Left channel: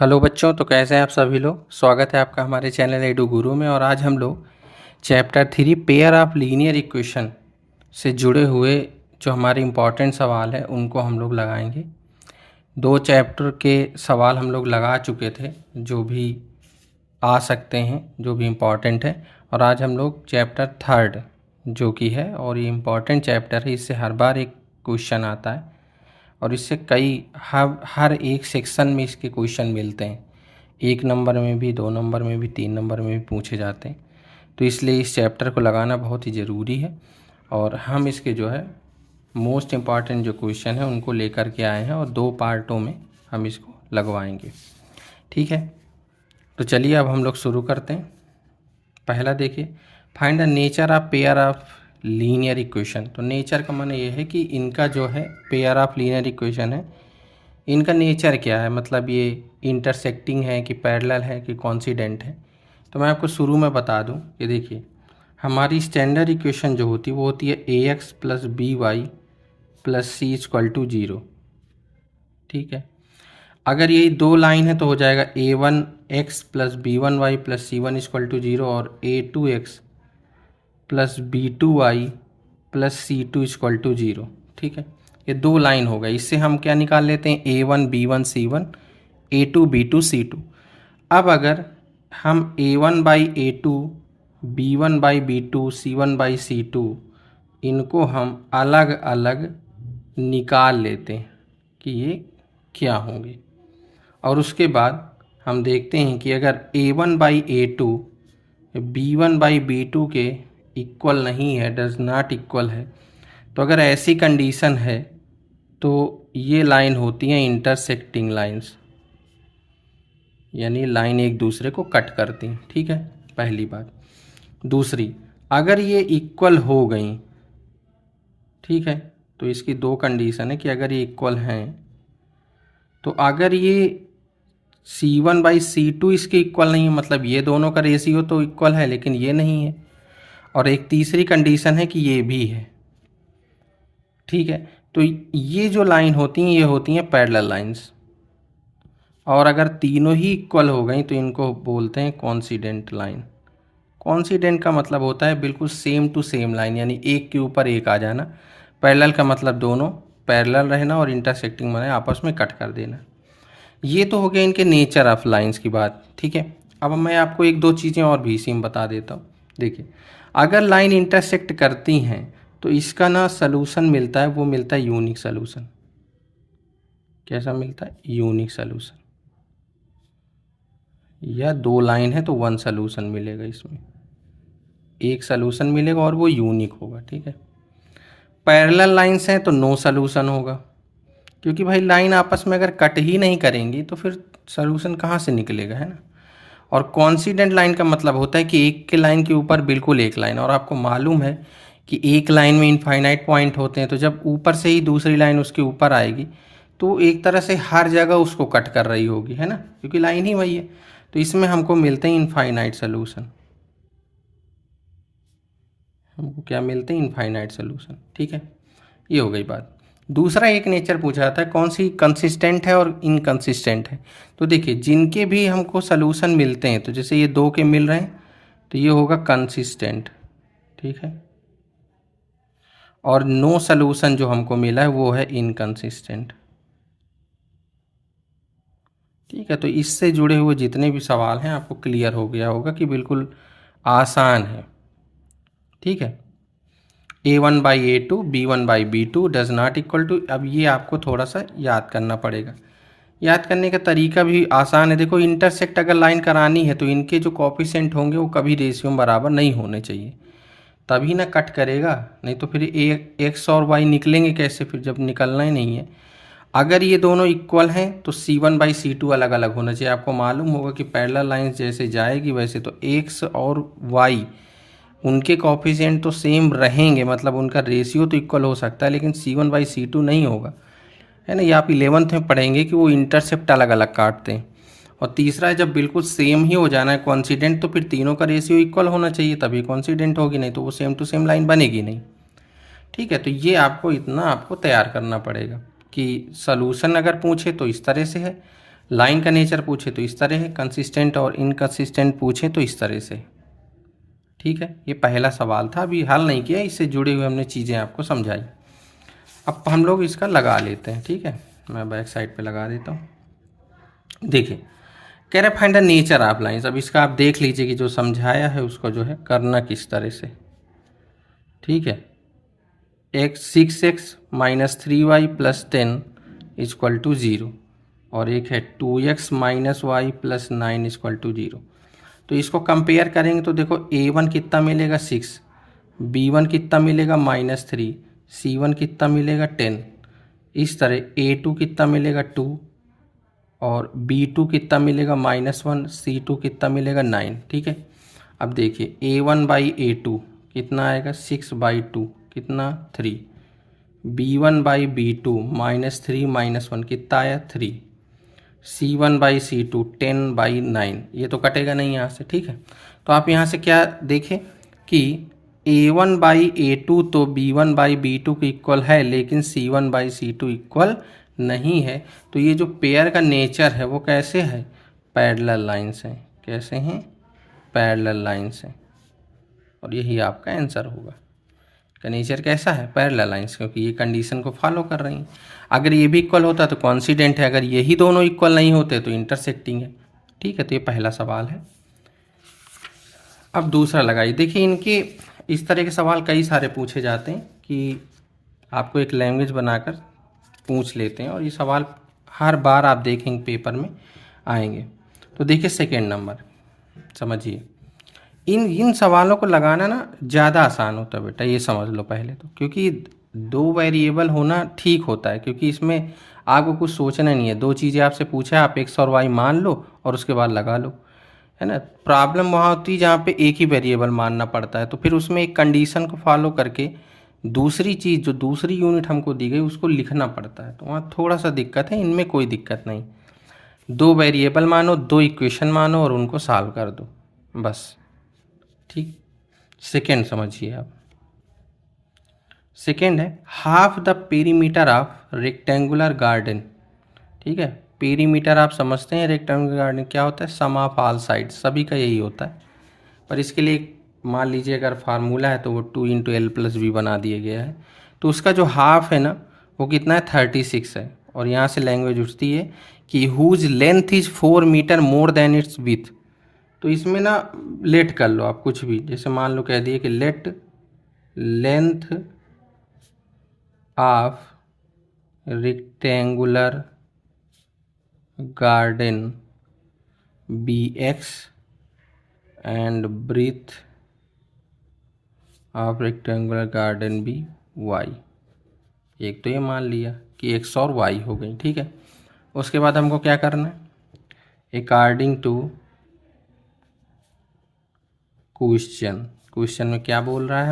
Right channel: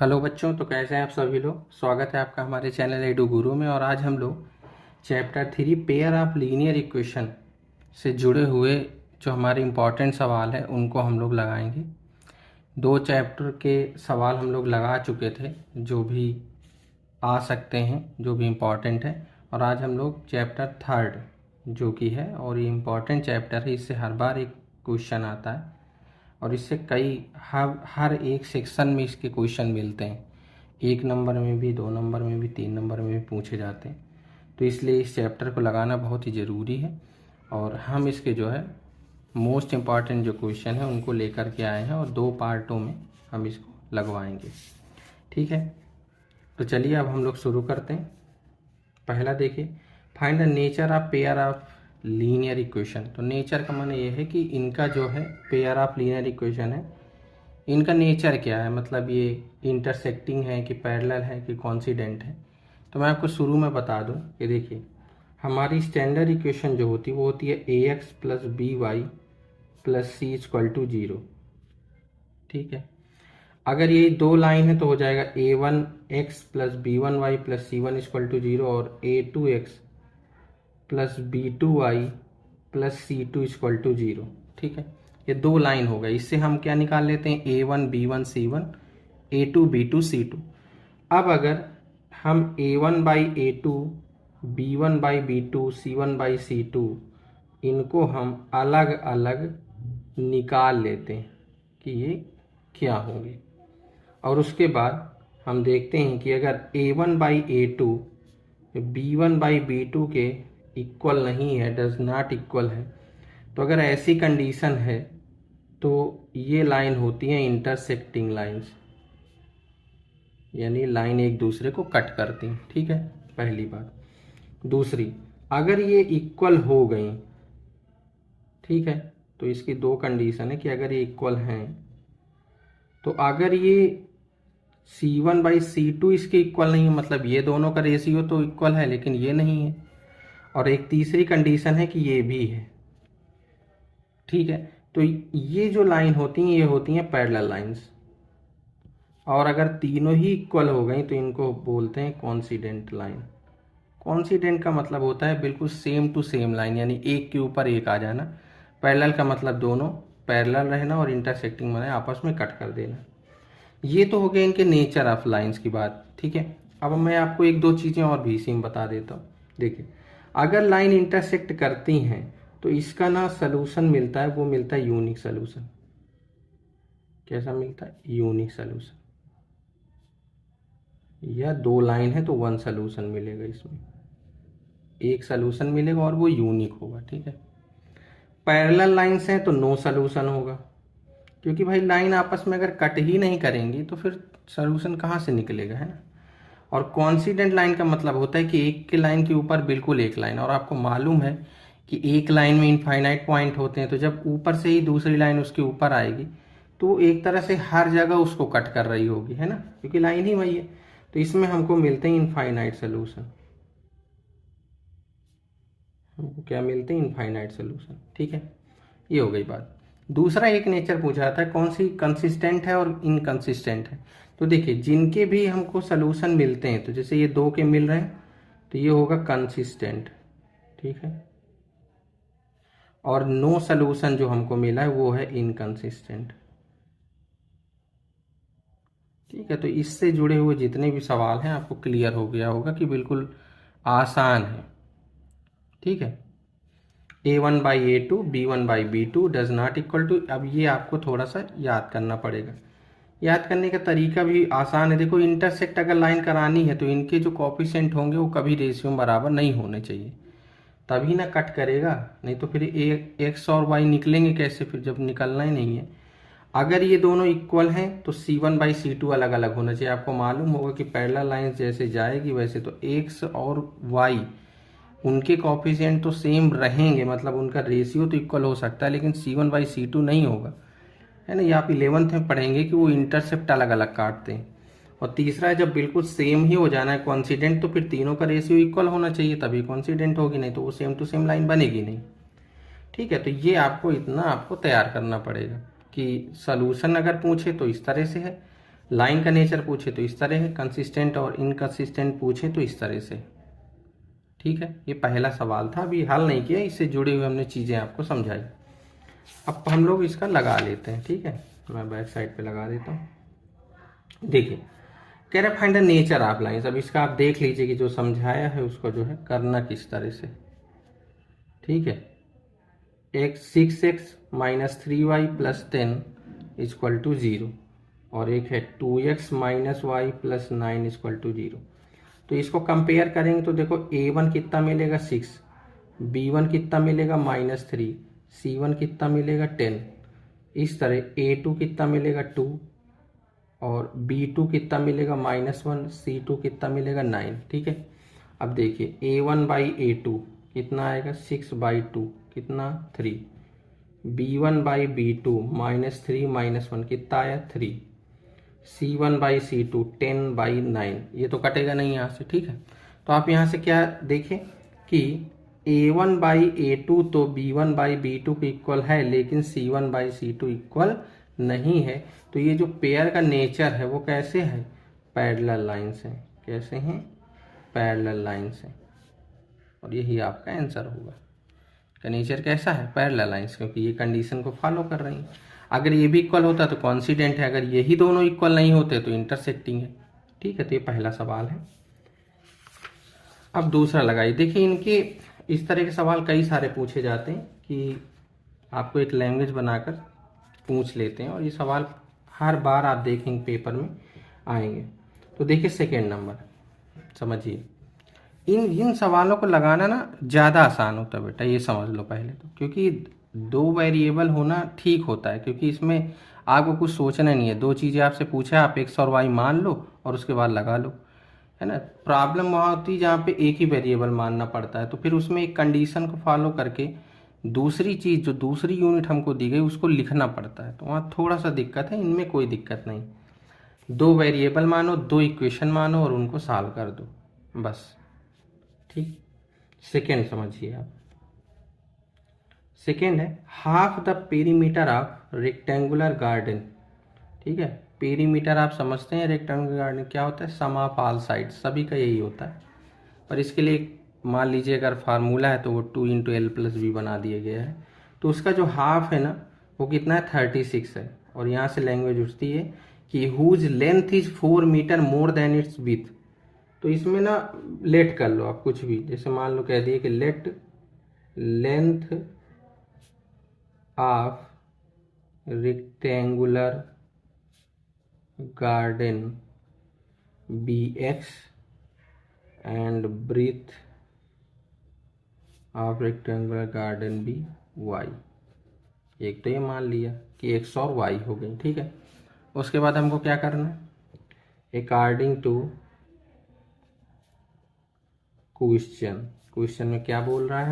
Hello बच्चों, तो कैसे हैं आप सभी लोग। स्वागत है आपका हमारे चैनल एडू गुरु में। और आज हम लोग chapter 3 pair of linear equation से जुड़े हुए जो हमारे इम्पॉर्टेंट सवाल हैं उनको हम लोग लगाएंगे। दो चैप्टर के सवाल हम लोग लगा चुके थे जो भी आ सकते हैं, जो भी इम्पॉर्टेंट है। और आज हम लोग चैप्टर 3 जो कि है, और ये इम्पॉर्टेंट चैप्टर है, इससे हर बार एक क्वेश्चन आता है और इससे कई हर एक सेक्शन में इसके क्वेश्चन मिलते हैं। 1 नंबर में भी, 2 नंबर में भी, 3 नंबर में भी पूछे जाते हैं। तो इसलिए इस चैप्टर को लगाना बहुत ही ज़रूरी है और हम इसके जो है मोस्ट इम्पॉर्टेंट जो क्वेश्चन है उनको लेकर के आए हैं और 2 पार्टों में हम इसको लगवाएंगे। ठीक है, तो चलिए अब हम लोग शुरू करते हैं। पहला देखिए, find the nature of pair of linear equation. तो नेचर का माने ये है कि इनका जो है पेयर ऑफ लीनियर इक्वेशन है, इनका नेचर क्या है, मतलब ये इंटरसेक्टिंग है कि पैरेलल है कि कॉन्सिडेंट है। तो मैं आपको शुरू में बता दूं कि देखिए, हमारी स्टैंडर्ड इक्वेशन जो होती है वो होती है ax plus b y plus c equal to 0। ठीक है, अगर ये दो लाइन है तो हो जाएगा a1x plus b1y plus c1 equal to 0 और a2x plus b2y plus c2 equal to 0। ठीक है, ये दो लाइन हो गई। इससे हम क्या निकाल लेते हैं, a1 b1 c1, a2 b2 c2। अब अगर हम a1 by a2, b1 by b2, c1 by c2 इनको हम अलग अलग निकाल लेते हैं कि ये क्या होंगे। और उसके बाद हम देखते हैं कि अगर a1 by a2 b1 by b2 के इक्वल नहीं है, डज नॉट इक्वल है, तो अगर ऐसी कंडीशन है तो ये लाइन होती हैं इंटरसेक्टिंग लाइंस, यानी लाइन एक दूसरे को कट करती हैं। ठीक है, पहली बात। दूसरी, अगर ये इक्वल हो गई, ठीक है, तो इसकी दो कंडीशन है कि अगर ये इक्वल हैं तो अगर ये C1 बाई C2 इसके इक्वल नहीं है, मतलब ये दोनों का रेशियो तो इक्वल है लेकिन ये नहीं है। और एक तीसरी कंडीशन है कि ये भी है। ठीक है, तो ये जो लाइन होती हैं ये होती हैं पैरेलल लाइंस। और अगर तीनों ही इक्वल हो गई तो इनको बोलते हैं कॉन्सिडेंट लाइन। कॉन्सिडेंट का मतलब होता है बिल्कुल सेम टू सेम लाइन, यानी एक के ऊपर एक आ जाना। पैरेलल का मतलब दोनों पैरेलल रहना और इंटरसेक्टिंग माने आपस में कट कर देना। ये तो हो गया इनके नेचर ऑफ लाइंस की बात। ठीक है, अब मैं आपको एक दो चीज़ें और भी इसी में बता देता हूँ। देखिए, अगर लाइन इंटरसेक्ट करती हैं तो इसका ना सलूशन मिलता है, वो मिलता है यूनिक सलूशन। कैसा मिलता है, यूनिक सलूशन। या दो लाइन है तो वन सलूशन मिलेगा, इसमें एक सलूशन मिलेगा और वो यूनिक होगा। ठीक है, पैरेलल लाइंस हैं तो नो सलूशन होगा, क्योंकि भाई लाइन आपस में अगर कट ही नहीं करेंगी तो फिर सलूशन कहाँ से निकलेगा, है ना। और कॉन्सिडेंट लाइन का मतलब होता है कि एक के लाइन के ऊपर बिल्कुल एक लाइन, और आपको मालूम है कि एक लाइन में इनफाइनाइट पॉइंट होते हैं, तो जब ऊपर से ही दूसरी लाइन उसके ऊपर आएगी तो एक तरह से हर जगह उसको कट कर रही होगी, है ना, क्योंकि लाइन ही वही है। तो इसमें हमको मिलते हैं इनफाइनाइट सोल्यूशन। हमको क्या मिलते हैं, इनफाइनाइट सोल्यूशन। ठीक है, ये हो गई बात। दूसरा एक नेचर पूछा जाता है कौन सी कंसिस्टेंट है और इनकंसिस्टेंट है। तो देखिए, जिनके भी हमको सोल्यूशन मिलते हैं, तो जैसे ये दो के मिल रहे हैं तो ये होगा कंसिस्टेंट। ठीक है, और नो सोल्यूशन जो हमको मिला है वो है इनकंसिस्टेंट। ठीक है, तो इससे जुड़े हुए जितने भी सवाल हैं आपको क्लियर हो गया होगा कि बिल्कुल आसान है। ठीक है, a1 by a2, b1 by b2 does not equal to, अब ये आपको थोड़ा सा याद करना पड़ेगा। याद करने का तरीका भी आसान है। देखो, इंटरसेक्ट अगर लाइन करानी है तो इनके जो कॉफिशेंट होंगे वो कभी रेशियो में बराबर नहीं होने चाहिए, तभी ना कट करेगा। नहीं तो फिर एक्स और वाई निकलेंगे कैसे, फिर जब निकलना ही नहीं है। अगर ये दोनों इक्वल हैं तो C1 बाई C2 अलग अलग होना चाहिए। आपको मालूम होगा कि पैरेलल लाइंस जैसे जाएगी वैसे तो एक्स और वाई उनके कॉफिशिएंट तो सेम रहेंगे, मतलब उनका रेशियो तो इक्वल हो सकता है, लेकिन C1 बाई C2 नहीं होगा, है ना। ये आप 11th में पढ़ेंगे कि वो इंटरसेप्ट अलग अलग काटते हैं। और तीसरा है, जब बिल्कुल सेम ही हो जाना है कॉन्सिडेंट, तो फिर तीनों का रेशियो इक्वल होना चाहिए तभी कॉन्सिडेंट होगी, नहीं तो वो सेम टू सेम लाइन बनेगी नहीं। ठीक है, तो ये आपको इतना आपको तैयार करना पड़ेगा कि सलूशन अगर पूछे तो इस तरह से है, लाइन का नेचर पूछे तो इस तरह है, कंसिस्टेंट और इनकंसिस्टेंट पूछे तो इस तरह से। ठीक है, ये पहला सवाल था, अभी हल नहीं किया, इससे जुड़े हुए हमने चीज़ें आपको समझाई। अब हम लोग इसका लगा लेते हैं। ठीक है, मैं बैक साइड पे लगा देता हूँ। देखिए, कह रहे find the nature of lines. अब इसका आप देख लीजिए कि जो समझाया है उसको जो है करना किस तरह से। ठीक है, एक 6x minus 3y plus 10 equal to 0, और एक है 2x minus y plus 9 equal to 0। तो इसको कंपेयर करेंगे तो देखो a1 कितना मिलेगा 6, b1 कितना मिलेगा -3, c1 कितना मिलेगा 10, इस तरह a2 कितना मिलेगा 2, और b2 कितना मिलेगा -1, c2 कितना मिलेगा 9। ठीक है, अब देखिए a1 बाई a2 कितना आएगा 6/2 कितना 3, b1 बाई b2 -3 -1 कितना आया 3, c1 बाई c2 10/9, ये तो कटेगा नहीं यहाँ से। ठीक है, तो आप यहाँ से क्या देखें कि a1 बाई a2 तो b1 बाई b2 के इक्वल है, लेकिन c1 बाई c2 इक्वल नहीं है। तो ये जो पेयर का नेचर है वो कैसे है, पैरेलल लाइंस है। कैसे हैं, पैरेलल लाइंस है, और यही आपका आंसर होगा। का नेचर कैसा है, पैरेलल लाइंस, क्योंकि ये कंडीशन को फॉलो कर रही हैं। अगर ये भी इक्वल होता तो कॉन्सिडेंट है, अगर यही दोनों इक्वल नहीं होते तो इंटरसेक्टिंग है। ठीक है, तो ये पहला सवाल है। अब दूसरा लगाइए। देखिए, इनके इस तरह के सवाल कई सारे पूछे जाते हैं कि आपको एक लैंग्वेज बनाकर पूछ लेते हैं, और ये सवाल हर बार आप देखेंगे पेपर में आएंगे। तो देखिए सेकेंड नंबर, समझिए, इन सवालों को लगाना ना ज़्यादा आसान होता है बेटा, ये समझ लो पहले तो। क्योंकि दो वेरिएबल होना ठीक होता है, क्योंकि इसमें आपको कुछ सोचना नहीं है। दो चीज़ें आपसे पूछा, आप x और y मान लो और उसके बाद लगा लो, है ना। प्रॉब्लम वहाँ होती है जहाँ पे एक ही वेरिएबल मानना पड़ता है, तो फिर उसमें एक कंडीशन को फॉलो करके दूसरी चीज़ जो दूसरी यूनिट हमको दी गई उसको लिखना पड़ता है, तो वहाँ थोड़ा सा दिक्कत है। इनमें कोई दिक्कत नहीं, दो वेरिएबल मानो, दो इक्वेशन मानो और उनको सॉल्व कर दो, बस। ठीक, सेकेंड समझिए आप। सेकेंड है half the perimeter of rectangular garden. ठीक है, पेरीमीटर आप समझते हैं, रेक्टेंगुलर गार्डन क्या होता है, सम ऑफ ऑल साइड, सभी का यही होता है। पर इसके लिए मान लीजिए अगर फार्मूला है तो वो 2 × l+b बना दिया गया है। तो उसका जो हाफ है ना वो कितना है 36 है, और यहाँ से लैंग्वेज उठती है कि whose length is 4 metre more than its width. तो इसमें ना लेट कर लो आप कुछ भी, जैसे मान लो कह दिए कि let length of rectangular garden be x and breadth of rectangular garden be y। एक तो ये मान लिया कि x और y हो गई। ठीक है, उसके बाद हमको क्या करना है, अकॉर्डिंग टू क्वेश्चन में क्या बोल रहा है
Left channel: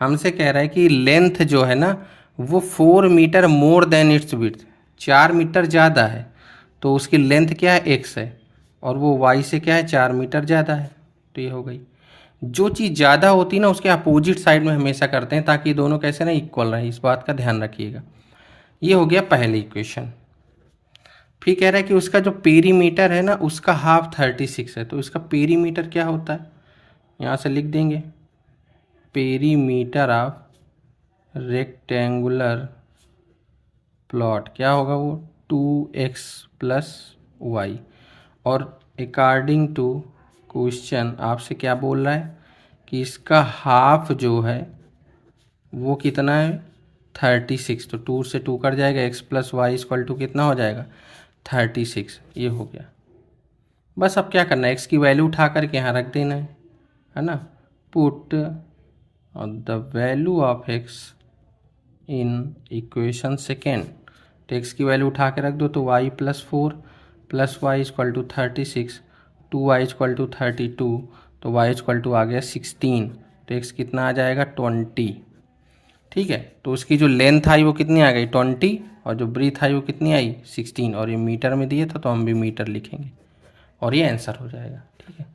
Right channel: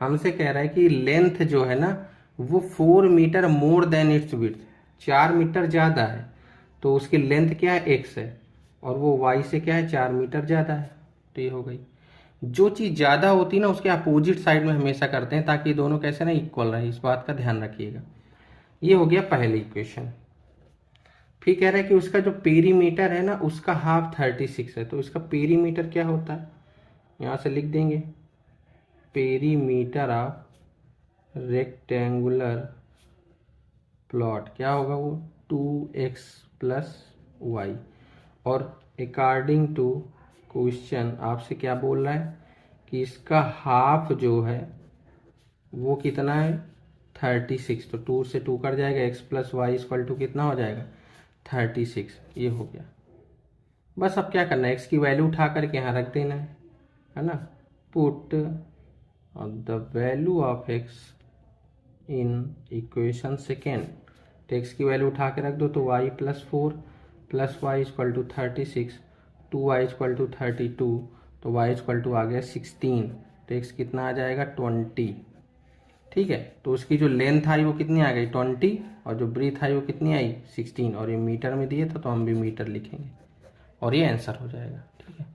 हमसे कह रहा है कि लेंथ जो है ना वो 4 metre more than its width, 4 meter ज़्यादा है, तो उसकी लेंथ क्या है x है, और वो y से क्या है 4 मीटर ज़्यादा है। तो ये हो गई। जो चीज़ ज़्यादा होती है ना उसके अपोजिट साइड में हमेशा करते हैं, ताकि दोनों कैसे ना इक्वल रहे, इस बात का ध्यान रखिएगा। ये हो गया पहली इक्वेशन। फिर कह रहा है कि उसका जो पेरीमीटर है ना उसका हाफ 36 है, तो इसका पेरीमीटर क्या होता है, यहाँ से लिख देंगे पेरीमीटर ऑफ रेक्टेंगुलर प्लॉट क्या होगा, वो 2x + y। और अकॉर्डिंग टू क्वेश्चन आपसे क्या बोल रहा है कि इसका हाफ जो है वो कितना है 36, तो 2 से 2 कट जाएगा, x + y = कितना हो जाएगा 36। ये हो गया। बस अब क्या करना है, x की वैल्यू उठा करके यहाँ रख देना है ना। Put the value of x in equation second, तो x की वैल्यू उठा के रख दो, तो y + 4 + y = 36, 2y = 32, तो y = आ गया 16, तो x कितना आ जाएगा 20। ठीक है, तो उसकी जो लेंथ आई वो कितनी आ गई 20, और जो ब्रीथ आई वो कितनी आई 16, और ये मीटर में दिए था तो हम भी मीटर लिखेंगे, और ये आंसर हो जाएगा। ठीक है,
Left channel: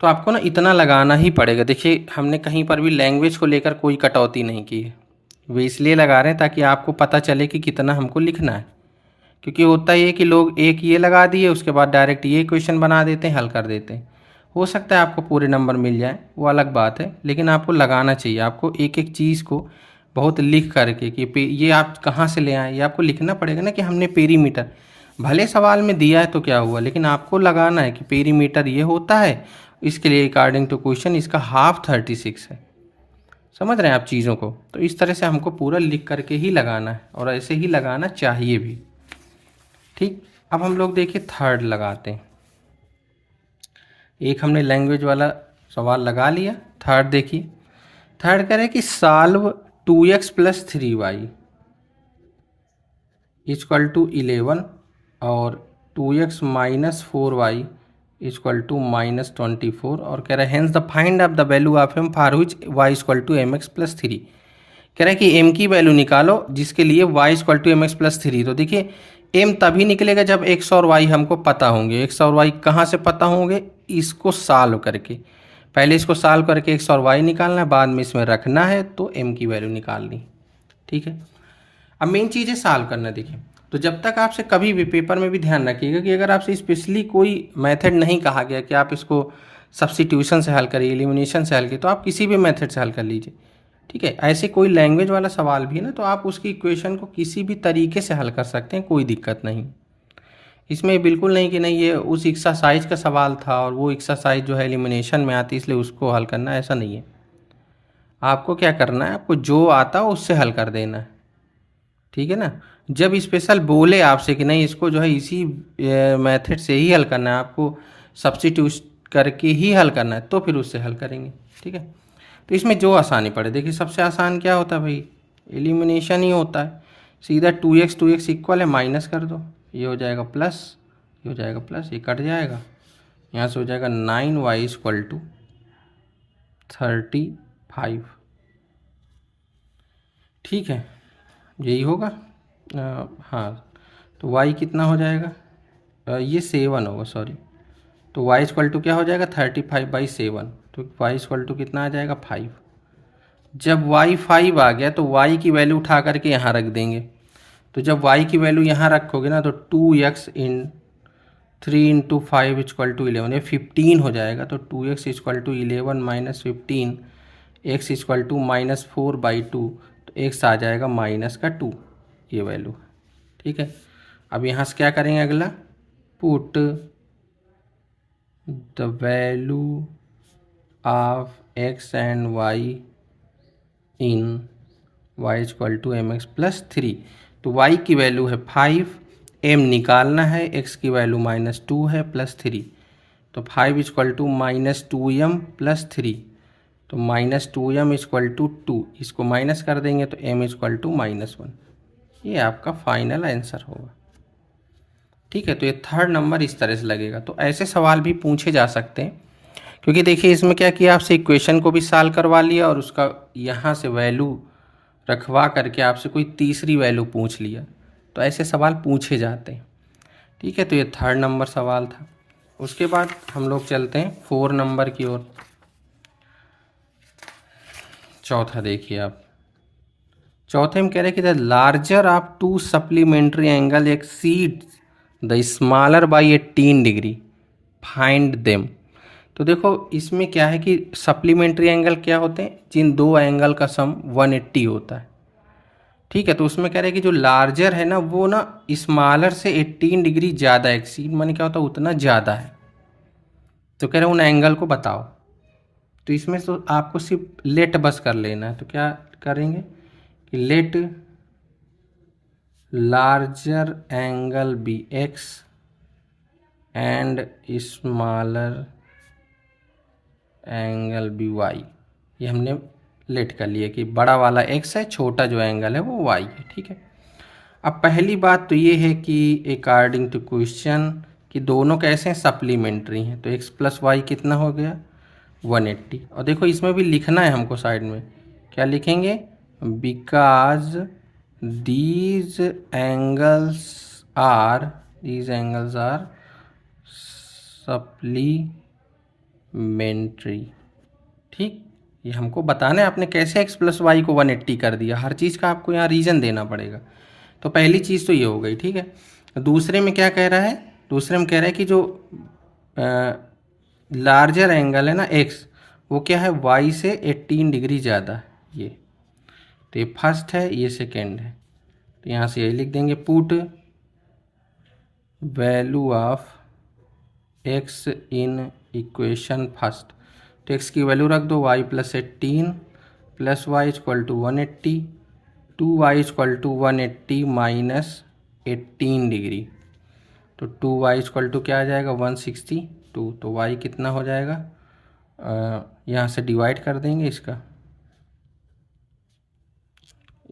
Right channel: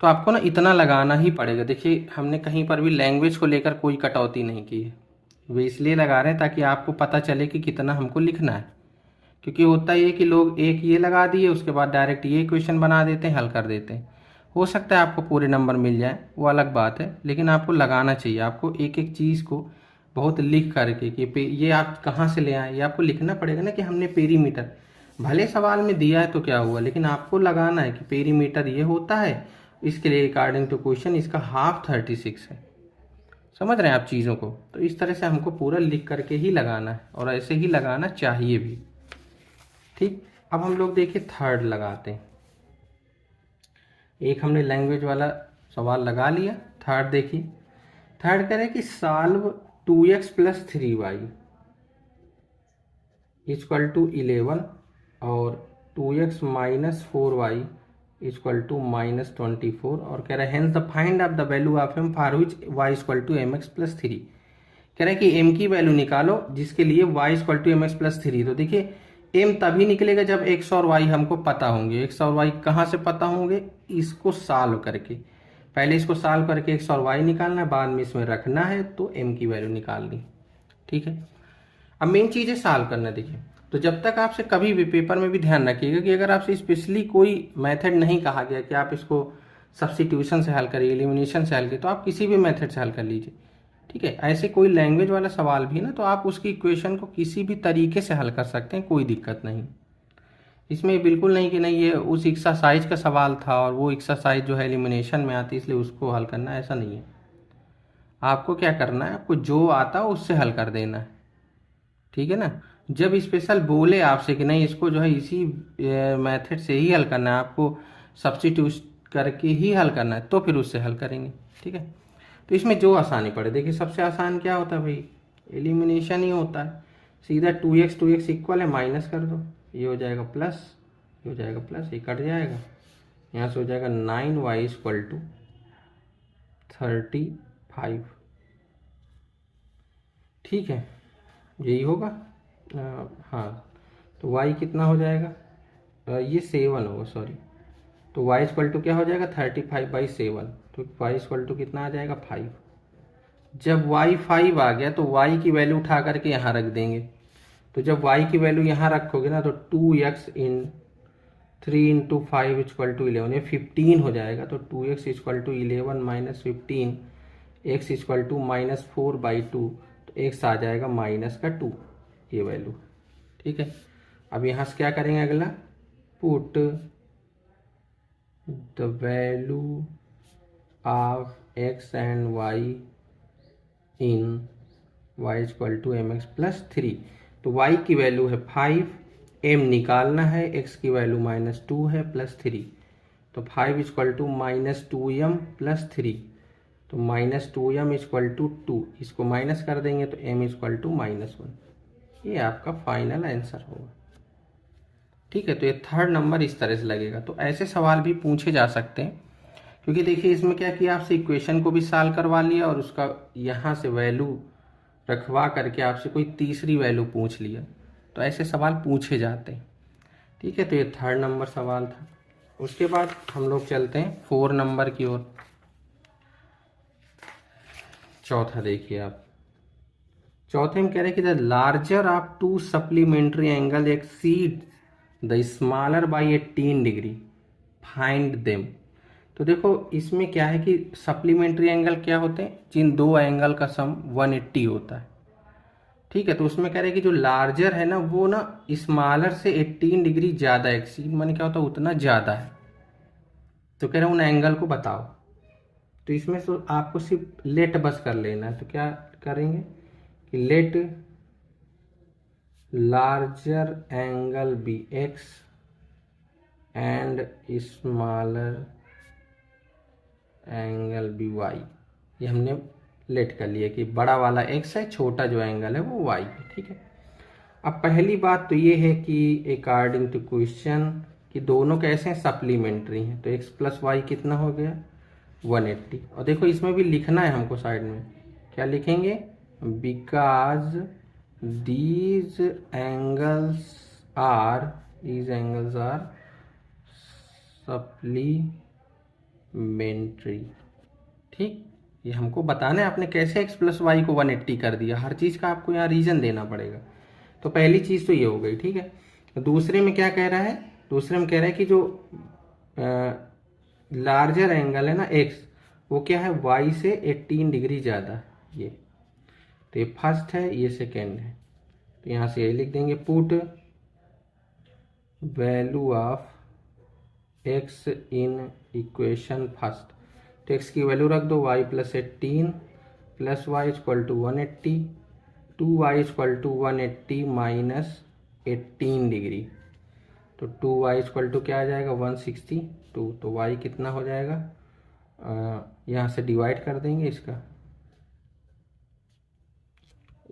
तो आपको ना इतना लगाना ही पड़ेगा। देखिए, हमने कहीं पर भी लैंग्वेज को लेकर कोई कटौती नहीं की है, वे इसलिए लगा रहे हैं ताकि आपको पता चले कि कितना हमको लिखना है। क्योंकि होता ये है कि लोग एक ये लगा दिए उसके बाद डायरेक्ट ये क्वेश्चन बना देते हैं, हल कर देते हैं। हो सकता है आपको पूरे नंबर मिल जाए, वो अलग बात है, लेकिन आपको लगाना चाहिए। आपको एक एक चीज़ को बहुत लिख करके कि ये आप कहाँ से ले आए, ये आपको लिखना पड़ेगा ना कि हमने पेरीमीटर, भले सवाल में दिया है तो क्या हुआ, लेकिन आपको लगाना है कि पेरीमीटर ये होता है, इसके लिए अकॉर्डिंग टू क्वेश्चन इसका हाफ 36 है। समझ रहे हैं आप चीज़ों को? तो इस तरह से हमको पूरा लिख करके ही लगाना है और ऐसे ही लगाना चाहिए भी। ठीक, अब हम लोग देखिए थर्ड लगाते हैं। एक हमने लैंग्वेज वाला सवाल लगा लिया। थर्ड देखिए, थर्ड कह रहे हैं कि सॉल्व 2x + 3y = 11 और 2x - 4y = -24 और कह रहा है hence the find of the value of m for which y = mx + 3। कह रहा है कि m की वैल्यू निकालो जिसके लिए y = mx + 3। तो देखिए m तभी निकलेगा जब x और y हमको पता होंगे। x और y कहाँ से पता होंगे? इसको सॉल्व करके, पहले इसको सॉल्व करके x और y निकालना है, बाद में इसमें रखना है तो m की वैल्यू निकालनी। ठीक है, अब मेन चीज़ है सॉल्व करना। देखिए, तो जब तक आपसे कभी भी पेपर में भी ध्यान रखिएगा कि अगर आपसे स्पेशली कोई मेथड नहीं कहा गया कि आप इसको सब्स्टिट्यूशन से हल करिए, एलिमिनेशन से हल करिए, तो आप किसी भी मेथड से हल कर लीजिए। ठीक है, ऐसे कोई लैंग्वेज वाला सवाल भी है ना, तो आप उसकी इक्वेशन को किसी भी तरीके से हल कर सकते हैं, कोई दिक्कत नहीं। इसमें बिल्कुल नहीं कि नहीं ये उस एक्सरसाइज का सवाल था और वो एक्सरसाइज जो है एलिमिनेशन में आती इसलिए उसको हल करना, ऐसा नहीं है। आपको क्या करना है, आपको जो आता है उससे हल कर देना है। ठीक है ना, जब स्पेशल बोले आपसे कि नहीं इसको जो है इसी मेथड से ही हल करना है, आपको सब्स्टिट्यूट करके ही हल करना है, तो फिर उससे हल करेंगे। ठीक है, तो इसमें जो आसानी पड़े। देखिए सबसे आसान क्या होता है भाई, एलिमिनेशन ही होता है। सीधा 2x इक्वल है, माइनस कर दो, ये हो जाएगा प्लस, ये हो जाएगा प्लस, ये कट जाएगा, यहाँ से हो जाएगा 9y = 35। ठीक है, यही होगा। हाँ, तो y कितना हो जाएगा, ये 7 होगा, सॉरी। तो y = क्या हो जाएगा 35/7, तो y = कितना आ जाएगा 5। जब y 5 आ गया तो y की वैल्यू उठा करके यहाँ रख देंगे। तो जब y की वैल्यू यहाँ रखोगे ना तो 2x इन 3 × 5 = 11, ये 15 हो जाएगा। तो 2x = 11 - 15, x = -4/2, तो x आ जाएगा -2, ये वैल्यू। ठीक है, अब यहाँ से क्या करेंगे अगला, put the value of x and y in y = mx + 3। तो y की वैल्यू है 5, m निकालना है, x की वैल्यू -2 है +3, तो 5 = -2m + 3, तो -2m = 2, इसको माइनस कर देंगे तो m = -1। ये आपका फाइनल आंसर होगा। ठीक है, तो ये थर्ड नंबर इस तरह से लगेगा। तो ऐसे सवाल भी पूछे जा सकते हैं, क्योंकि देखिए इसमें क्या किया, आपसे इक्वेशन को भी सॉल्व करवा लिया और उसका यहाँ से वैल्यू रखवा करके आपसे कोई तीसरी वैल्यू पूछ लिया, तो ऐसे सवाल पूछे जाते हैं। ठीक है, तो ये थर्ड नंबर सवाल था। उसके बाद हम लोग चलते हैं 4 नंबर की ओर। चौथा देखिए आप, चौथे में कह रहे हैं कि the larger of 2 supplementary angle exceed the smaller by 18 degree, find them. तो देखो इसमें क्या है कि सप्लीमेंट्री एंगल क्या होते हैं, जिन दो एंगल का सम 180 होता है। ठीक है, तो उसमें कह रहे हैं कि जो लार्जर है ना वो ना स्मॉलर से 18 डिग्री ज़्यादा, एक्सीड माने क्या होता है, उतना ज़्यादा है। तो कह रहे हैं उन एंगल को बताओ। तो इसमें तो आपको सिर्फ लेट बस कर लेना है। तो क्या करेंगे कि let larger angle be x and smaller angle be y, ये हमने लेट कर लिया कि बड़ा वाला एक्स है, छोटा जो एंगल है वो वाई है। ठीक है, अब पहली बात तो ये है कि अकॉर्डिंग टू क्वेश्चन कि दोनों कैसे हैं, सप्लीमेंट्री हैं, तो एक्स प्लस वाई कितना हो गया 180। और देखो इसमें भी लिखना है हमको साइड में, क्या लिखेंगे, because these angles are supplementary. ठीक, ये हमको बताना है आपने कैसे एक्स प्लस वाई को 180 कर दिया, हर चीज़ का आपको यहाँ रीज़न देना पड़ेगा। तो पहली चीज़ तो ये हो गई। ठीक है, दूसरे में क्या कह रहा है, दूसरे में कह रहा है कि जो लार्जर एंगल है ना एक्स, वो क्या है वाई से 18 डिग्री ज़्यादा है ये। तो ये फर्स्ट है, ये सेकेंड है। तो यहाँ से यही लिख देंगे, put value of x in equation first. तो एक्स की वैल्यू रख दो y plus 18 plus y equal to 180, 2y equal to 180 minus 18 degree. तो 2y इक्वल टू क्या आ जाएगा 162। तो y कितना हो जाएगा, यहाँ से डिवाइड कर देंगे इसका,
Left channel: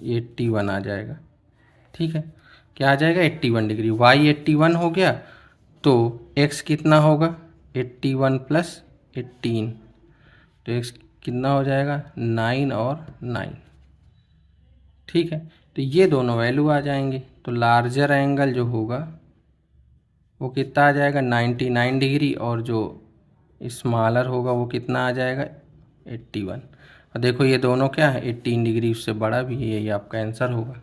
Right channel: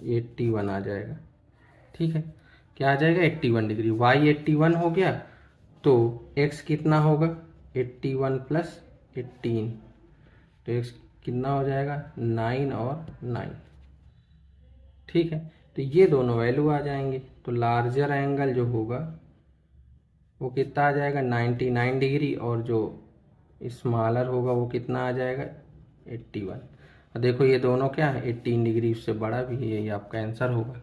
81 आ जाएगा। ठीक है, क्या आ जाएगा 81 डिग्री। y 81 हो गया तो x कितना होगा 81 प्लस 18, तो x कितना हो जाएगा 9 और 9। ठीक है, तो ये दोनों वैल्यू आ जाएंगे। तो लार्जर एंगल जो होगा वो कितना आ जाएगा 99 डिग्री, और जो स्मॉलर होगा वो कितना आ जाएगा 81। और देखो ये दोनों क्या है 18 डिग्री, उससे बड़ा भी है, यही आपका आंसर होगा।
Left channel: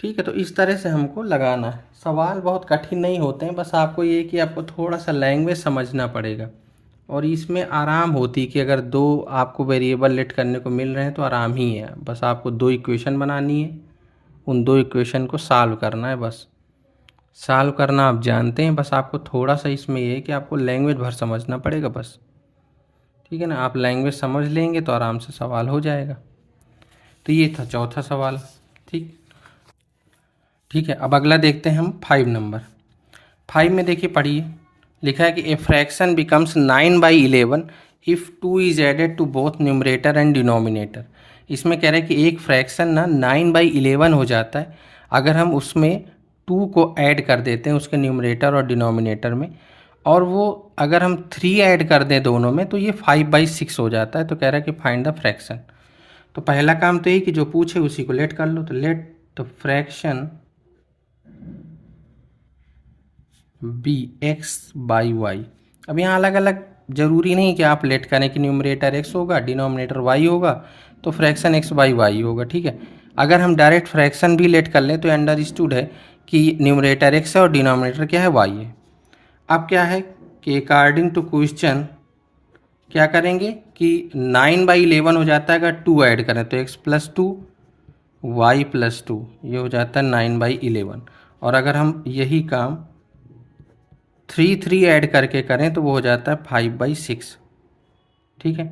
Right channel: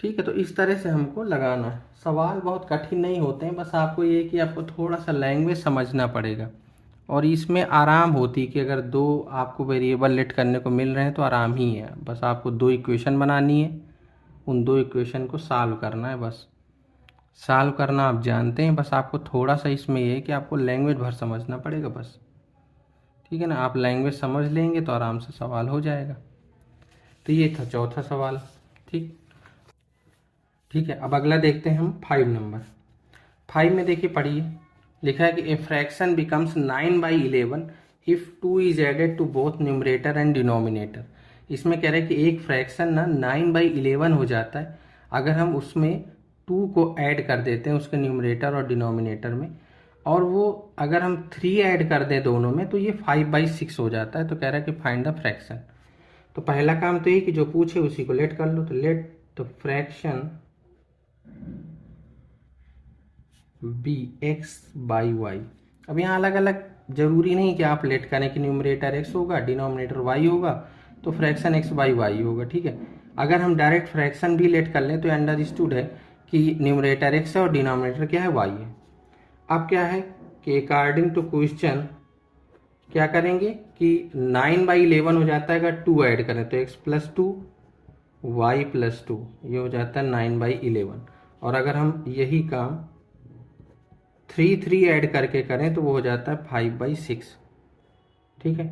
ठीक है, तो इस तरह से हमको लगाना है। सवाल बहुत कठिन नहीं होते हैं, बस आपको ये कि आपको थोड़ा सा लैंग्वेज समझना पड़ेगा, और इसमें आराम होती कि अगर दो आपको वेरिएबल लेट करने को मिल रहे हैं तो आराम ही है। बस आपको दो इक्वेशन बनानी है, उन दो इक्वेशन को सॉल्व करना है। बस सॉल्व करना आप जानते हैं, बस आपको थोड़ा सा इसमें ये है कि आपको लैंग्वेज भर समझना पड़ेगा बस। ठीक है ना, आप लैंग्वेज समझ लेंगे तो आराम से सवाल हो जाएगा। तो ये था चौथा सवाल। ठीक ठीक है, अब अगला देखते हैं हम 5 नंबर। 5 में देखिए पढ़िए, लिखा है कि a fraction becomes 9/11 if 2 is added to both numerator and denominator. इसमें कह रहा है कि एक फ्रैक्शन ना 9/11 हो जाता है अगर हम उसमें 2 को ऐड कर देते हैं उसके न्यूमरेटर और डिनोमिनेटर में, और वो अगर हम 3 ऐड कर दें दोनों में तो ये 5/6 हो जाता है। तो कह रहा है कि फाइंड द फ्रैक्शन। तो पहला काम तो ये कि जो पूछे उसी को लेट कर लो। तो let the fraction be x by y. अब यहाँ अलग अलग जरूरी नहीं कि आप लेट करें कि न्यूमरेटर एक्स होगा डिनोमिनेटर वाई होगा तो फ्रैक्शन एक्स बाई वाई होगा। ठीक है, अगर हम डायरेक्ट फ्रैक्शन भी लेट कर लें तो अंडरस्टूड है कि न्यूमरेटर एक्स है और डिनोमिनेटर क्या है वाई है। अब क्या है कि अकॉर्डिंग टू क्वेश्चन क्या करेंगे कि 9/11 हो जाता है अगर 2 ऐड करें, तो x प्लस 2 वाई प्लस 2 ये हो जाता है 9/11। और अगर हम यही काम 3 ऐड करके करें तो वो हो जाता है 5/6। ठीक है,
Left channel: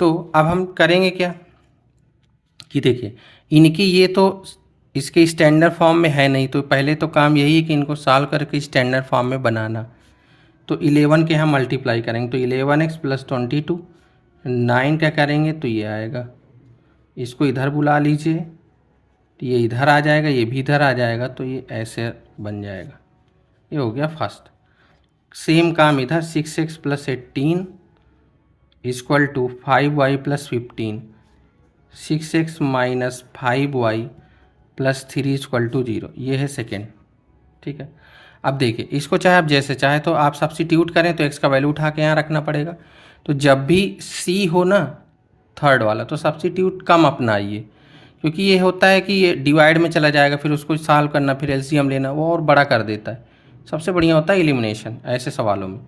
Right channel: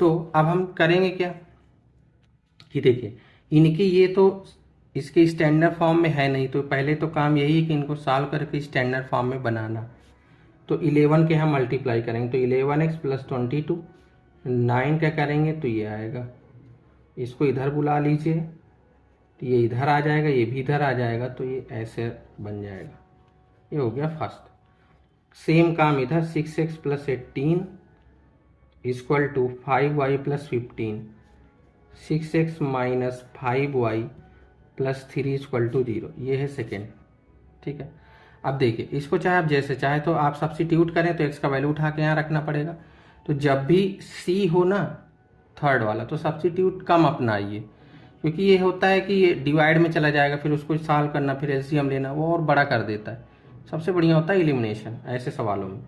तो अब हम करेंगे क्या कि देखिए इनकी ये तो इसके स्टैंडर्ड फॉर्म में है नहीं, तो पहले तो काम यही है कि इनको सॉल्व करके स्टैंडर्ड फॉर्म में बनाना। तो 11 के हम मल्टीप्लाई करेंगे तो 11x प्लस 22, 9 क्या करेंगे तो ये आएगा, इसको इधर बुला लीजिए तो ये इधर आ जाएगा, ये भी इधर आ जाएगा, तो ये ऐसे बन जाएगा। ये हो गया फर्स्ट। सेम काम इधर 6x plus 18 equal to 5y plus 15, 6x minus 5y plus 3 equal to 0, ये है सेकेंड। ठीक है, अब देखिए इसको चाहे आप जैसे चाहे तो आप सब्स्टिट्यूट करें तो x का वैल्यू उठा के यहाँ रखना पड़ेगा। तो जब भी c हो ना थर्ड वाला तो सब्स्टिट्यूट कम अपनाइए, क्योंकि ये होता है कि ये डिवाइड में चला जाएगा, फिर उसको सॉल्व करना, फिर एलसीएम लेना, वो और बड़ा कर देता है। सबसे बढ़िया होता है एलिमिनेशन ऐसे सवालों में।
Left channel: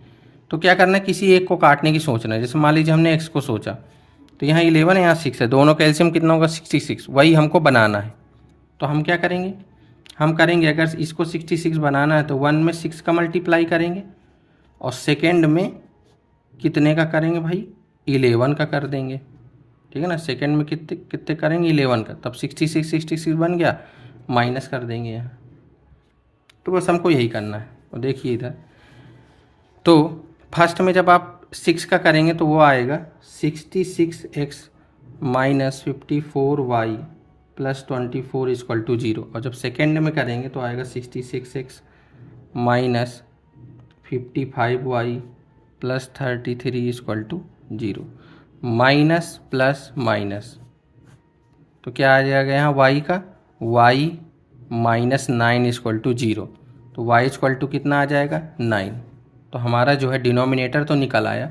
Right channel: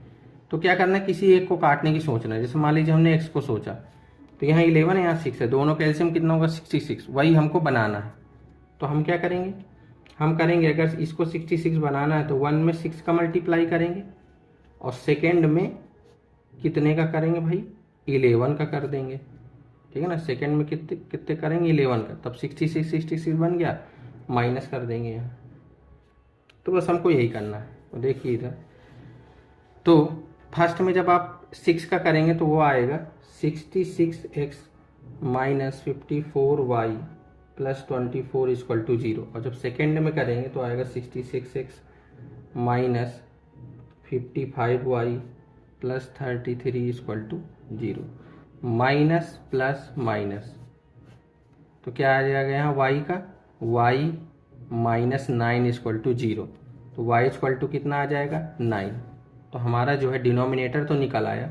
तो क्या करना है, किसी एक को काटने की सोचना है। जैसे मान लीजिए हमने x को सोचा तो यहाँ 11 है यहाँ 6 है, दोनों का एलसीएम कितना होगा 66, वही हमको बनाना है। तो हम क्या करेंगे, हम करेंगे अगर इसको 66 बनाना है तो 1 में 6 का मल्टीप्लाई करेंगे और सेकेंड में कितने का करेंगे भाई 11 का कर देंगे। ठीक है ना, सेकेंड में कितने कितने करेंगे 11 का, तब 66 बन गया, माइनस कर देंगे यहाँ। तो बस हमको यही करना है। और देखिए इधर तो फर्स्ट में जब आप 6 का करेंगे तो वो आएगा 66x minus 54y plus 24 equal to 0। और जब सेकेंड में करेंगे तो आएगा 66x minus 55y plus 33 equal to 0। Minus plus minus तो क्या आ जाएगा यहाँ y का, y माइनस 9 इक्वल टू 0। तो y इक्वल टू कितना आ जाएगा 9। तो हमारा जो है डिनोमिनेटर तो निकल आया।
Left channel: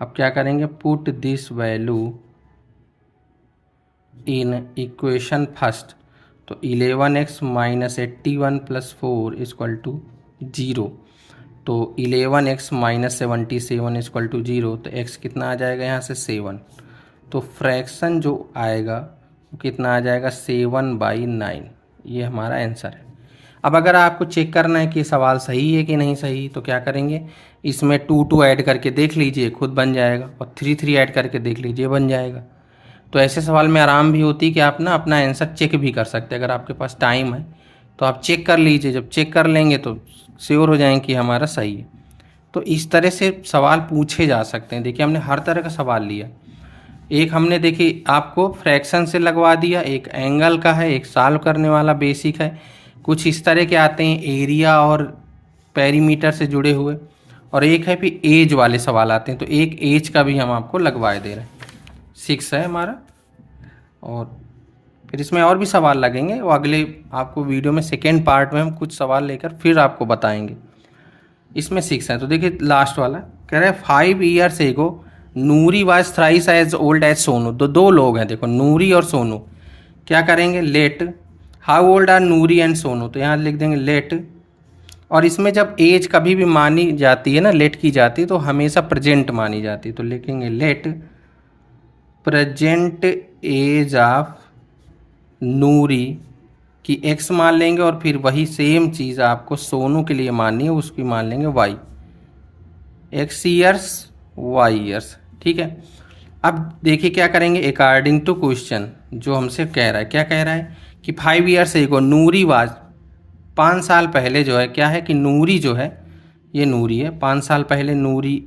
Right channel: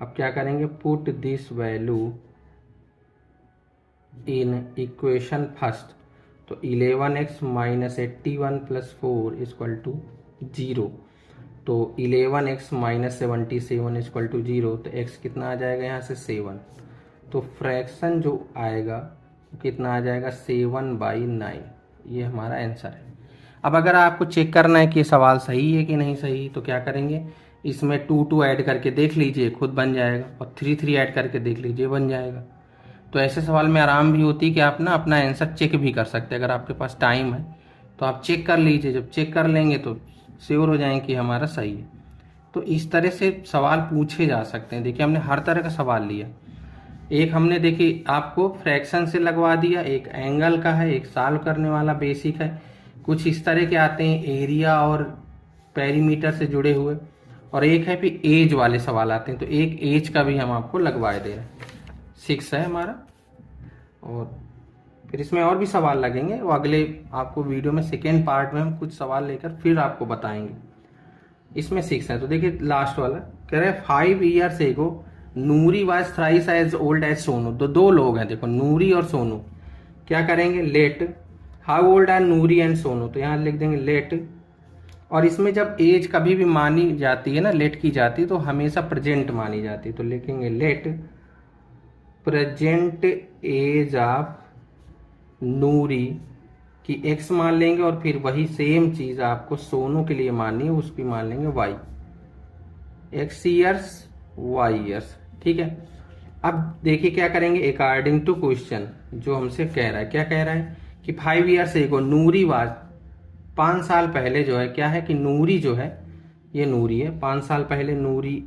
अब क्या करेंगे, put this value in equation first. तो 11x minus 81 plus 4 equal to 0। तो 11x माइनस 77 इक्वल टू 0, तो x कितना आ जाएगा यहाँ से 7। तो फ्रैक्शन जो आएगा वो कितना आ जाएगा 7/9। ये हमारा आंसर है। अब अगर आपको चेक करना है कि सवाल सही है कि नहीं सही, तो क्या करेंगे, इसमें 2 ऐड करके देख लीजिए, खुद बन जाएगा, और 3 ऐड करके देख लीजिए, बन जाएगा। तो ऐसे सवाल में आराम भी होती है कि आप ना अपना आंसर चेक भी कर सकते हैं। अगर आपके पास टाइम है तो आप चेक कर लीजिए, जब चेक कर लेंगे तो श्योर हो जाएंगे कि हमारा सही है। तो इस तरह से सवाल पूछे जा सकते हैं। देखिए हमने हर तरह का सवाल लिया। एक हमने देखिए आपको फ्रैक्शन से लगवा दिया, एक एंगल का है, एक सॉल्व करने वाला बेसिक है, कुछ इस तरह के आते हैं एरिया और पेरीमीटर से जुड़े हुए, और एक है फिर एज वाले सवाल आते हैं। तो एक एज का भी हम आपको लगवाए दे रहे हैं। 6 है हमारा। और फिर इसमें और भी सवाल लगेंगे, वो अगले आपको वीडियो में सेकेंड पार्ट में हम कुछ सवाल लेकर फिर आपको बताएंगे। इसमें 6 है। तो देखिए लास्ट वाला कह रहे 5 years ago Noori was thrice as old as Sonu. तो 2 लोग हैं, देखो नूरी और सोनू। क्या करेंगे, let how old are Noori and Sonu. तो यहाँ लिख देंगे लेट, और इसमें जब एज कभी भी मानी जाती है ना, लेट की जाती है, तो हमेशा प्रेजेंट मानी जाती है। तो लिखेंगे लेट प्रेजेंट एज ऑफ नूरी की x मान लेंगे, और फिर वही सेम चीज़ आपको सोनू के लिए माननी है, उसकी मान लेंगे y, x years y years. ठीक है। अब देखिए क्या करेंगे, अकॉर्डिंग टू क्वेश्चन जो हमसे कह रहा है, क्या कह रहा है कि 5 ईयर्स एगो नूरी वाज, 5 साल पहले जो है, क्या है कि नूरी जो है, ये नूरी है, 5 साल पहले नूरी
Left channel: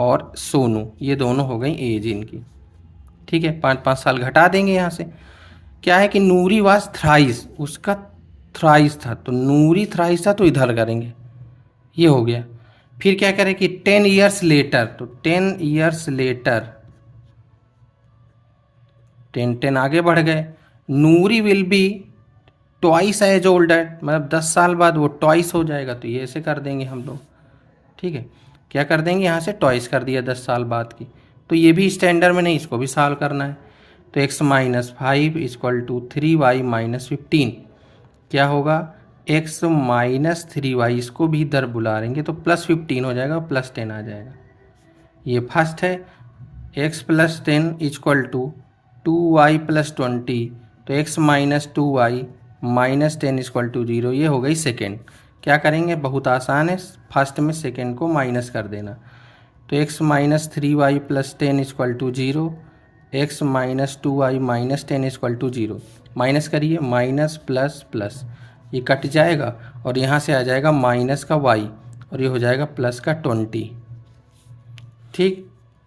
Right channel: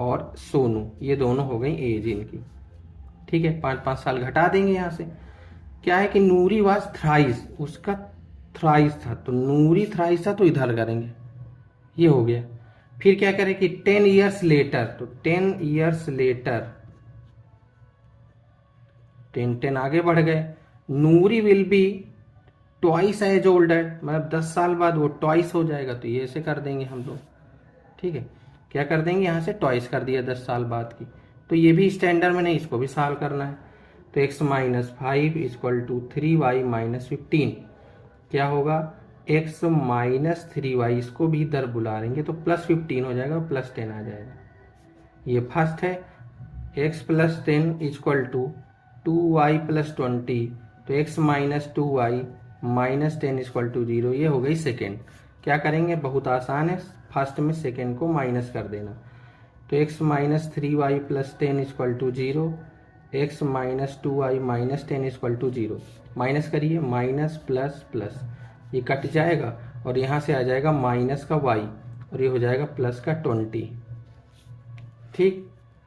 और सोनू ये दोनों हो गई एज इनकी। ठीक है, 5-5 साल घटा देंगे यहाँ से। क्या है कि नूरी वाज थ्राइस, उसका थ्राइस था, तो नूरी थ्राइस था, तो इधर करेंगे, ये हो गया। फिर क्या करें कि 10 ईयर्स लेटर, तो 10 ईयर्स लेटर, 10 आगे बढ़ गए, Noori will be twice as old at, मतलब 10 साल बाद वो ट्वाइस हो जाएगा। तो ये ऐसे कर देंगे हम लोग। ठीक है, क्या कर देंगे, यहाँ से ट्वाइस कर दिया 10 साल बाद की। तो ये भी स्टैंडर्ड में नहीं, इसको भी सॉल्व करना है। तो x minus 5 equal to 3y minus 15। क्या होगा, x माइनस 3y, इसको भी इधर बुला लेंगे तो प्लस 15 हो जाएगा, प्लस 10 आ जाएगा। ये फर्स्ट है। x plus 10 equal to 2y plus 20। तो x minus 2y minus 10 equal to 0। ये हो गई सेकेंड। क्या करेंगे, बहुत आसान है, फर्स्ट में सेकेंड को माइनस कर देना। तो x minus 3y plus 10 equal to 0, x minus 2y minus 10 equal to 0। Minus करिए, माइनस प्लस प्लस, ये कट जाएगा, और यहाँ से आ जाएगा माइनस का y, और ये हो जाएगा प्लस का 20। ठीक,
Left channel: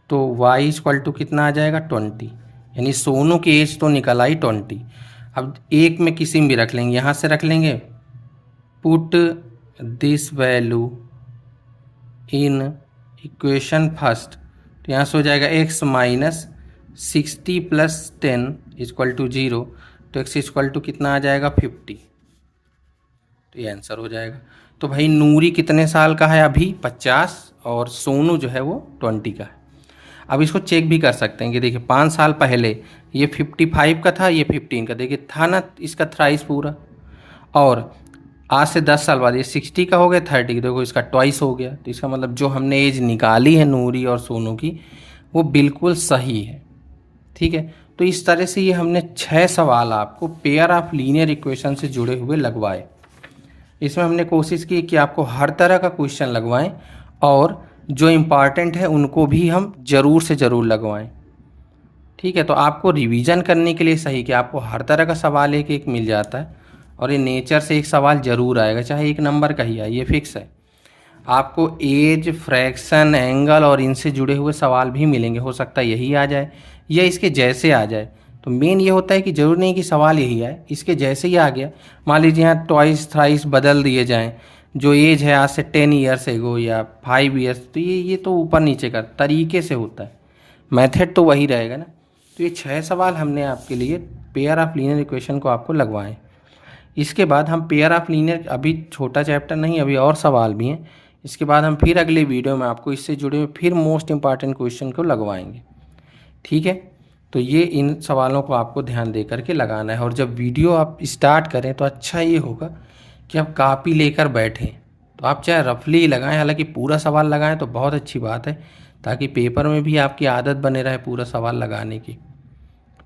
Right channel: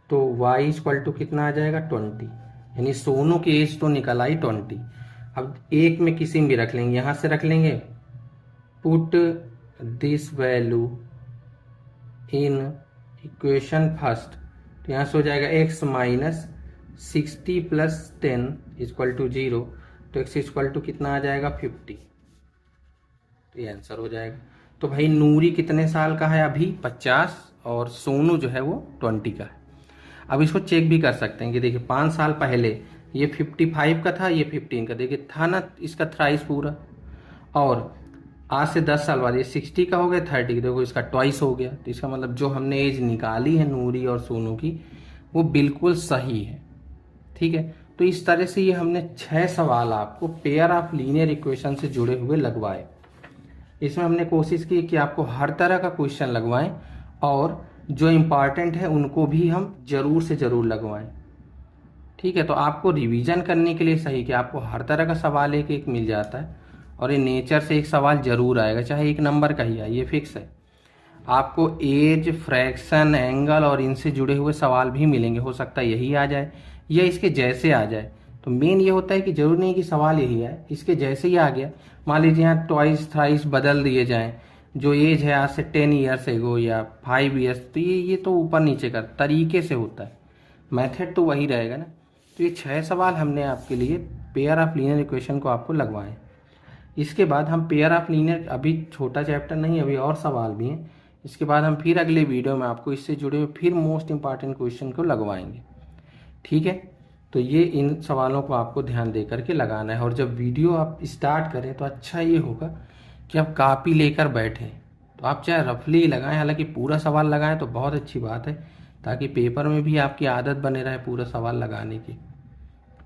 तो y इक्वल टू कितना आ जाएगा 20, यानी सोनू की एज तो निकल आई 20। अब एक में किसी में भी रख लेंगे, यहाँ से रख लेंगे, put this value in equation first. तो यहाँ से हो जाएगा x minus 60 plus 10 equal to 0। तो x इक्वल टू कितना आ जाएगा 50। तो ये आंसर हो जाएगा। तो भाई नूरी कितने साल का है अभी, 50, और सोनू जो है वो 20 का है। अब इसको चेक भी कर सकते हैं कि देखिए 5 साल पहले ये 55 का था, ये 15 का, देखिए था ना इसका थ्राइस पूरा, और आज से 10 साल बाद ये 60 का हो गया, 30 की, देखो इसका ट्वाइस हो गया। तो इसका मतलब जो हमने एज निकाली है नूरी और सोनू की, वो बिल्कुल सही है। ठीक है, तो इस तरह से ये हमने 6 सवाल आपको पेयर ऑफ लीनियर इक्वेशन से जुड़े हुए लगवाए। इसमें हमने कोशिश की कि आपको हर तरह का क्वेश्चन लगवाएं, और जो इम्पॉर्टेंट है उनको भी हम ज़रूर से ज़रूर लगवाएं। ठीक है, तो आपको रिवीजन करने के लिए सही कि आपको हर तरह का सवाल एक एक मिल जाता है, और ये नेचर से एक सवाल ज़रूर आएगा, चाहे 1 नंबर का ही आए, ये फिक्स है। आपको एज, फ्रैक्शन, एंगल और इनसे जुड़े हुए सवाल भी मिलेंगे, हो सकता है यही आ जाए या इसके जैसे आ जाए। तो मेन ये होता है कि ज़रूर नहीं कि सवाल यही आए, इसके जैसे ही आ गया। मान लीजिए यहाँ ट्वाइस थ्राइस बदल दिए जाएँ, जो एज है आज से 10 ईयर्स एगो या 5 ईयर्स, तो ये तो ऊपर नीचे का तरीके से होता है, मेथड तो वही रहेगा ना। तो ये 6 सवाल हमने आपके लिए पेयर ऑफ लीनियर इक्वेशन को आपको लगवाएं। इसके बाद हम पेयर ऑफ लीनियर, अभी छोटा चैप्टर नहीं, अभी और सवाल भी हैं। इसके बाद हम फिर अगले वीडियो में आपको इससे जुड़े हुए फिर मोस्ट इंपॉर्टेंट क्वेश्चन को लगवाएंगे। ठीक है, तो ये इन सवालों को आपको ध्यान दे करके लगाना है। और जब वीडियो आप स्टार्ट करें तो अच्छा ये होगा कि आप कॉपी लेकर बैठें, तो आप चाहे रफली लगाएं, हालांकि पूरा सवाल लगाएं तो बहुत अच्छी बात है, ताकि पेपर में भी आपकी आदत बने रहे पूरा सवाल लगाने की।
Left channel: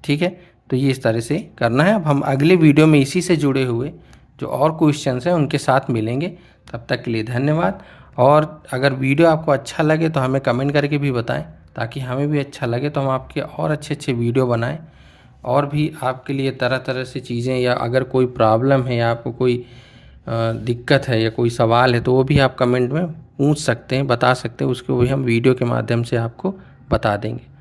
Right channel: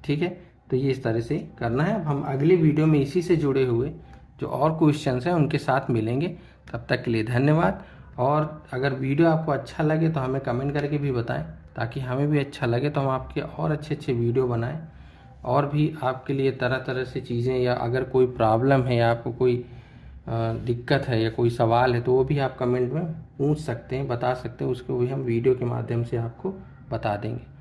ठीक है, तो ये इस तरह से करना है। अब हम अगले वीडियो में इसी से जुड़े हुए जो और क्वेश्चंस हैं उनके साथ मिलेंगे। तब तक के लिए धन्यवाद। और अगर वीडियो आपको अच्छा लगे तो हमें कमेंट करके भी बताएं, ताकि हमें भी अच्छा लगे, तो हम आपके और अच्छे अच्छे वीडियो बनाएं। और भी आपके लिए तरह तरह से चीज़ें, या अगर कोई प्रॉब्लम है या आपको कोई दिक्कत है या कोई सवाल है, तो वो भी आप कमेंट में पूछ सकते हैं, बता सकते हैं, उसको भी हम वीडियो के माध्यम से आपको बता देंगे।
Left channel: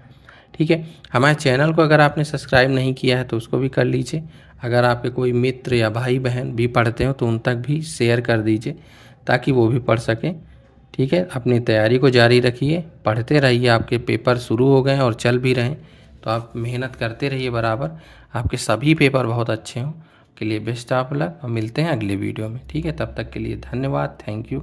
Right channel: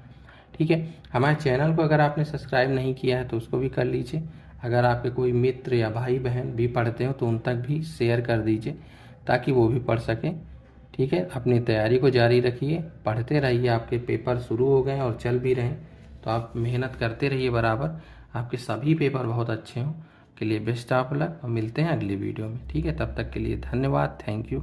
ठीक है, हमारे चैनल को अगर आपने सब्सक्राइब नहीं किया है तो उसको भी कर लीजिए। अगर आपके कोई मित्र या भाई बहन भी पढ़ते हो तो उन तक भी शेयर कर दीजिए, ताकि वो भी पढ़ सकें। ठीक है, अपनी तैयारी को जारी रखिए, पढ़ते रहिए। आपके पेपर शुरू हो गए हैं और चल भी रहे हैं, तो आप मेहनत करते रहिए बराबर, आपके सभी पेपर बहुत अच्छे हों। के लिए बेस्ट ऑफ लक। और मिलते हैं अगले वीडियो में। ठीक है, तब तक के लिए धन्यवाद। Thank you.